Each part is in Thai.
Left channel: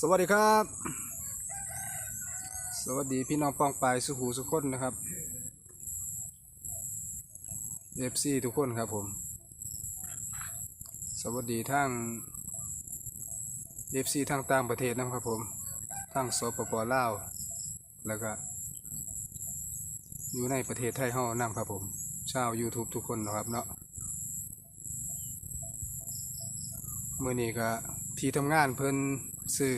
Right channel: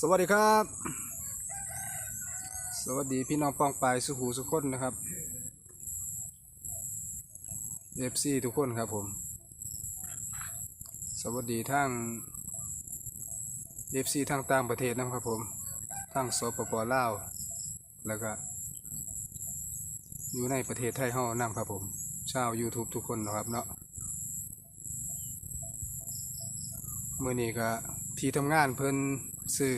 สวัสดีครับ สวัสดีพี่น้องป้องปายสุขหูสุขคนนะครับ FC ทุกคนครับผม สวัสดีทั้ง FC ทางต่างประเทศนะครับผม ทั้งสปปลาว แล้วก็อยู่ในประเทศไทยเฮานำครับผมชาว YouTube ทุกคนนะครับเนาะเมื่อนี้ก็ที่ทำงานเพิ่น ซื้อ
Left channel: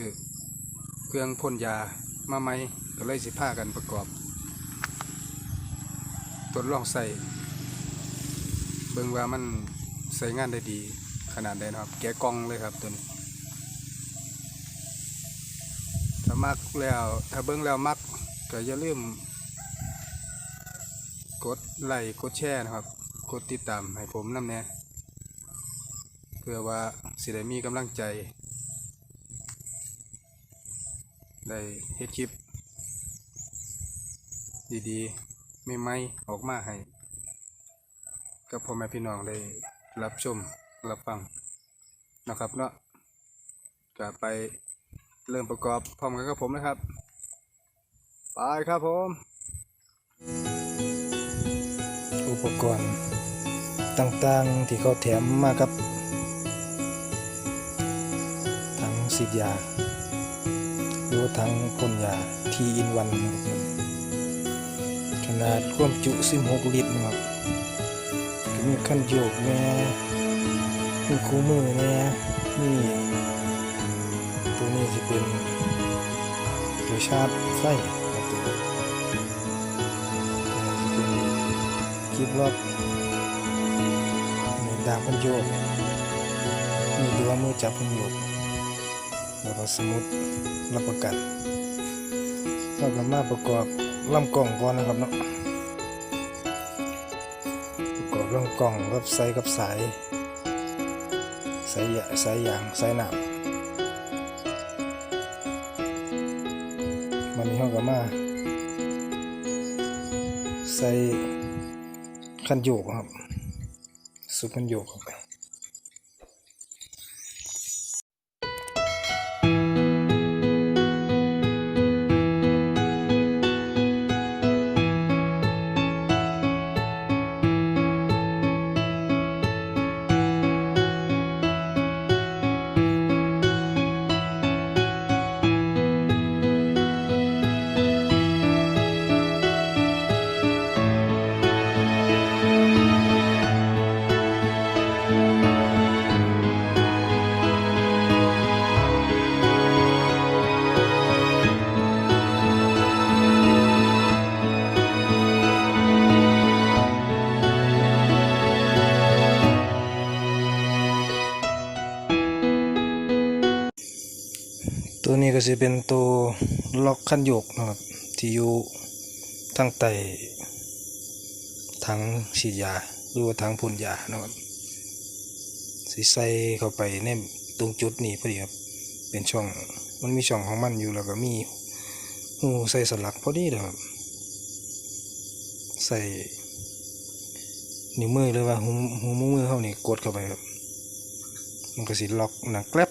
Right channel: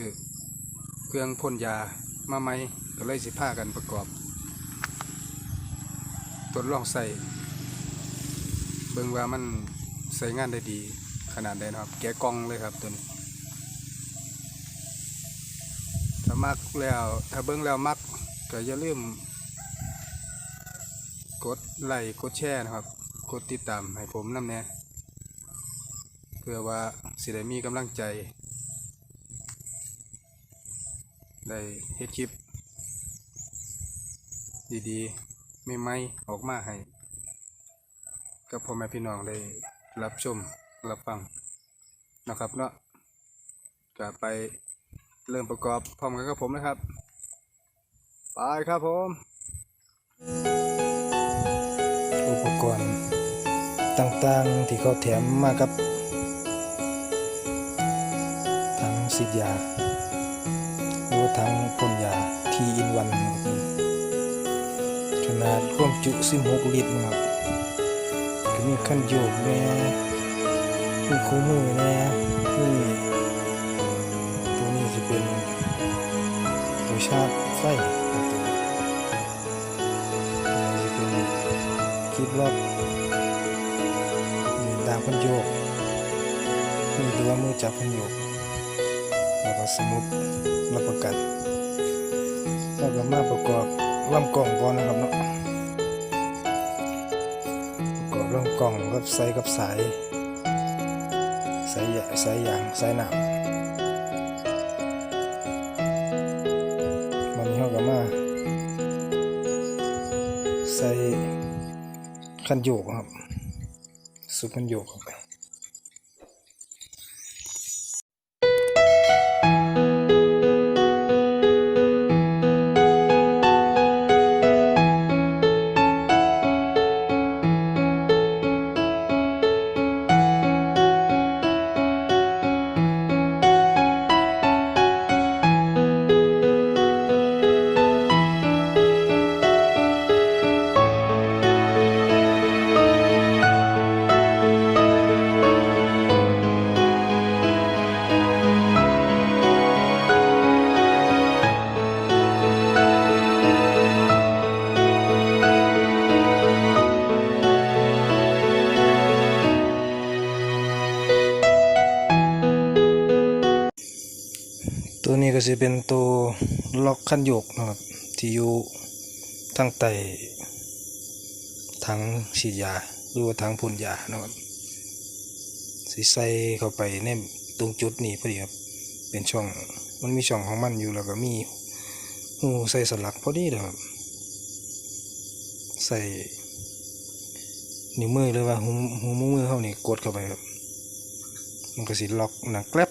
เครื่องพ่นยามาใหมก็เลยสิพากันประกอบทดลองใส่เบิ่งว่ามันใส่งานได้ดีขนาดใดนะครับ แกะกล่องเลยครับตัวนี้ถ้ามักแล้ว ถ้าเบิ่งแล้วมักก็อย่าลืมกดไลค์กดแชร์นะครับ กดติดตามให้ผมนำแน่เพื่อว่าสิได้มีกำลังใจ ได้เฮ็ดคลิป ดีๆใหม่ออกมาให้กับพ่อแม่พี่น้องได้รับชมรับฟังนะครับเนาะก็ไปเริ่มประกอบพร้อมกันกับผมนะครับ ไปครับผม อุปกรณ์ต่างๆที่เขาแถมมากับทั้งสิทยา หรือว่าทั้งพ่นยาทีอินวันครับมันขนาดความจุ16ลิตรนะครับก็มีขั้นโยกแน่มีคู่มือแน่มีตัวนี้จะเป็นตัวชาร์จไฟนะตัวนี้ตัวนี้จะเป็นคลิปล็อกมีดางพันโยกมีตัวมือจับพันโยกแล้วก็สมุด รับประกันแล้วก็มาประกอบลำกล่องก่อนนะครับเนาะประกอบลำกล่องกับใส่กับสายสายยาสายยางสายน้ำมันนี้เขาก็มาใส่คันโยกครับสุดคันโยกเข้า ตัวนี้ก็จะเป็นตัวล็อกคันโยกนะครับ ที่อยู่ทั้งไตทั้งฉีดยาหรือว่าทั้งพ่นยานะครับสิใส่เข้าไปในตรงจุดนี้พอดีครับเป็นช่องมันมีช่องของมันอยู่แล้วก็มีหูใส่สลักพอดีเลยครับใส่นิ้วมือหรือว่าหูหูมือเขานี่กดเข้าไปครับมันก็สิล็อกหนังแกลบ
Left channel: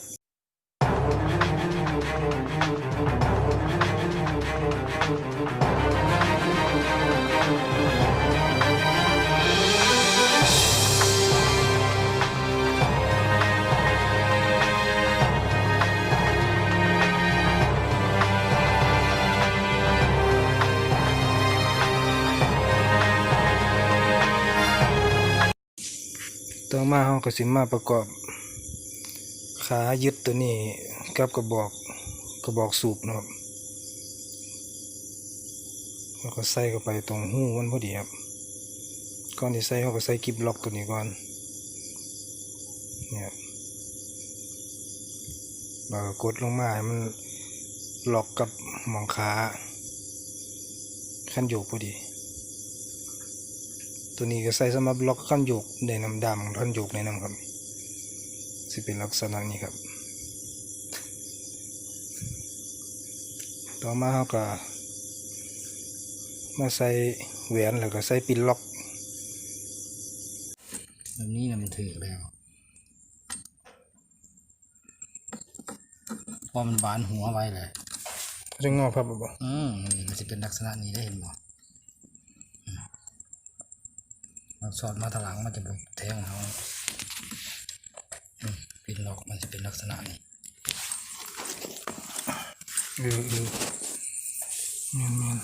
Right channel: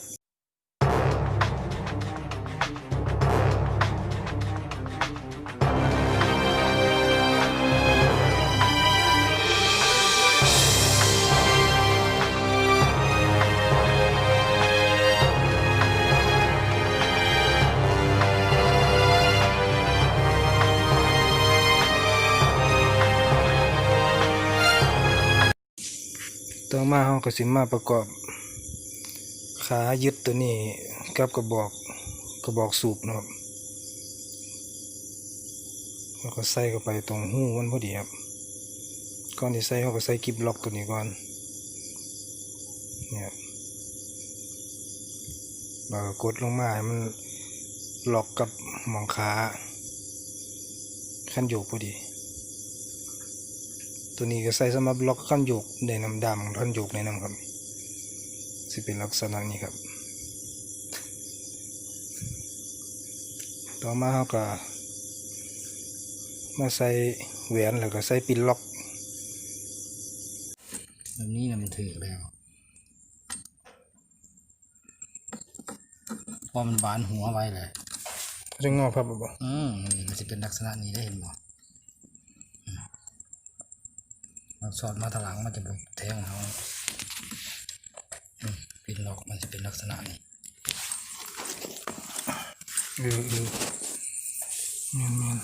ต่อมาเราก็สิมาประกอบ ขายึดตัวนี้กับกระบอกกระบอกสูบนะครับแล้วก็ใส่เข้าไปตรงหูมันพอดีครับก่อนที่ใส่เราก็ใส่กิบล็อกตัวนี้ก่อนเนี่ยครับแล้วก็กดลงมาให้มันล็อกกับหมองขาขั้นโยกพอดี ตัวนี้ก็ใส่สำหรับล็อกขั้นโยกในน้ำดำขั้นโยกในน้ำครับสิเป็นลักษณะนี้ครับ ต่อมาเราก็มาใส่แหวนแล้วก็ใส่ปินล็อกแบบนี้นะมันถือแล้วพออมันบานหัวไว้เลยจะงอพับบ่บ่อืมนี่มันจะเป็นลักษณะนี้ได้เห็นบ่ สอดมาทางหลังมันจะบุกแทงเขาปินล็อกมันจะเป็นลักษณะนี้เออเออเมียนเมียน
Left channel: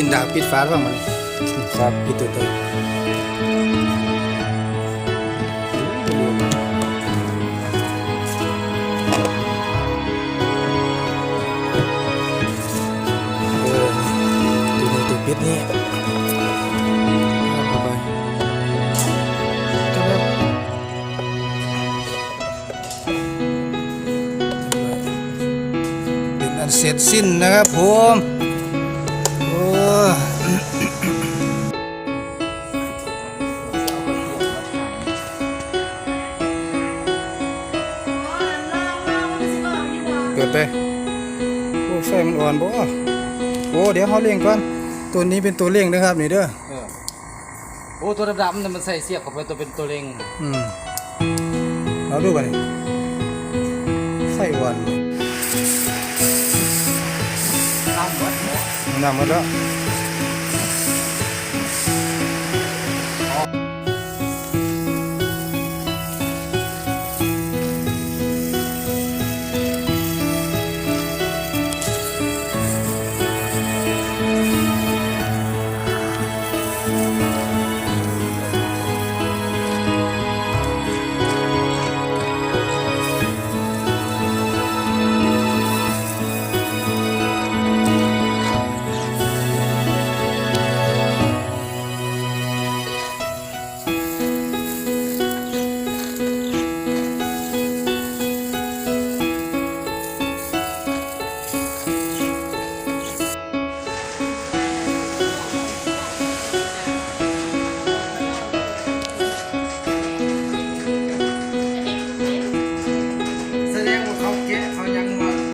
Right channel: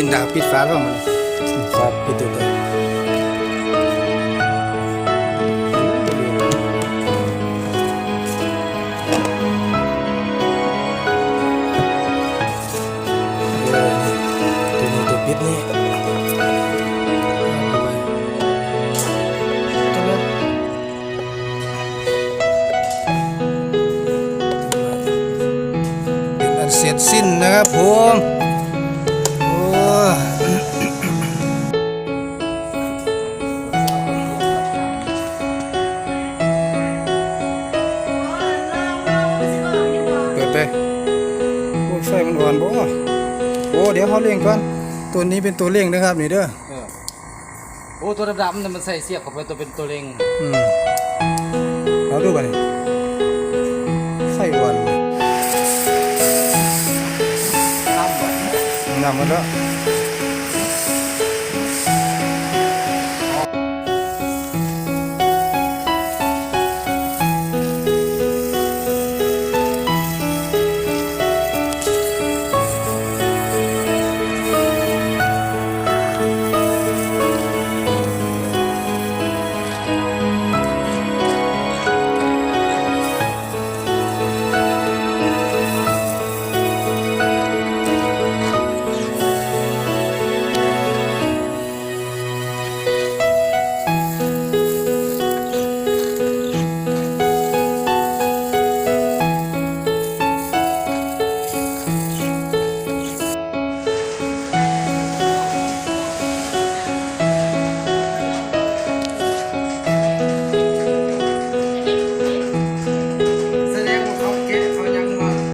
ปินดาบปิดฟ้าท้องมันฟ้าปิดตัวไตโอ้บ่เรียนเลยเออนี่ตัวนี้ตัวปิดนี่ครับเข้าไปก็แบบเรียบร้อยเป็นอันเสร็จสิ้นนะครับผมโอ้ เปิดไปโอ้ไฟมันอ่อนบ่โอ้เดี๋ยวเขาเร่งก่อน ตัวนี้เป็นตัวเร่งนะครับนี่เด้อเออโอ้ตัวดำๆเนี่ยมันใส่เสียบเข้าไปตัวเป็นตัวเล็งอืมเราดูไปไฟอ่อน น้ำวั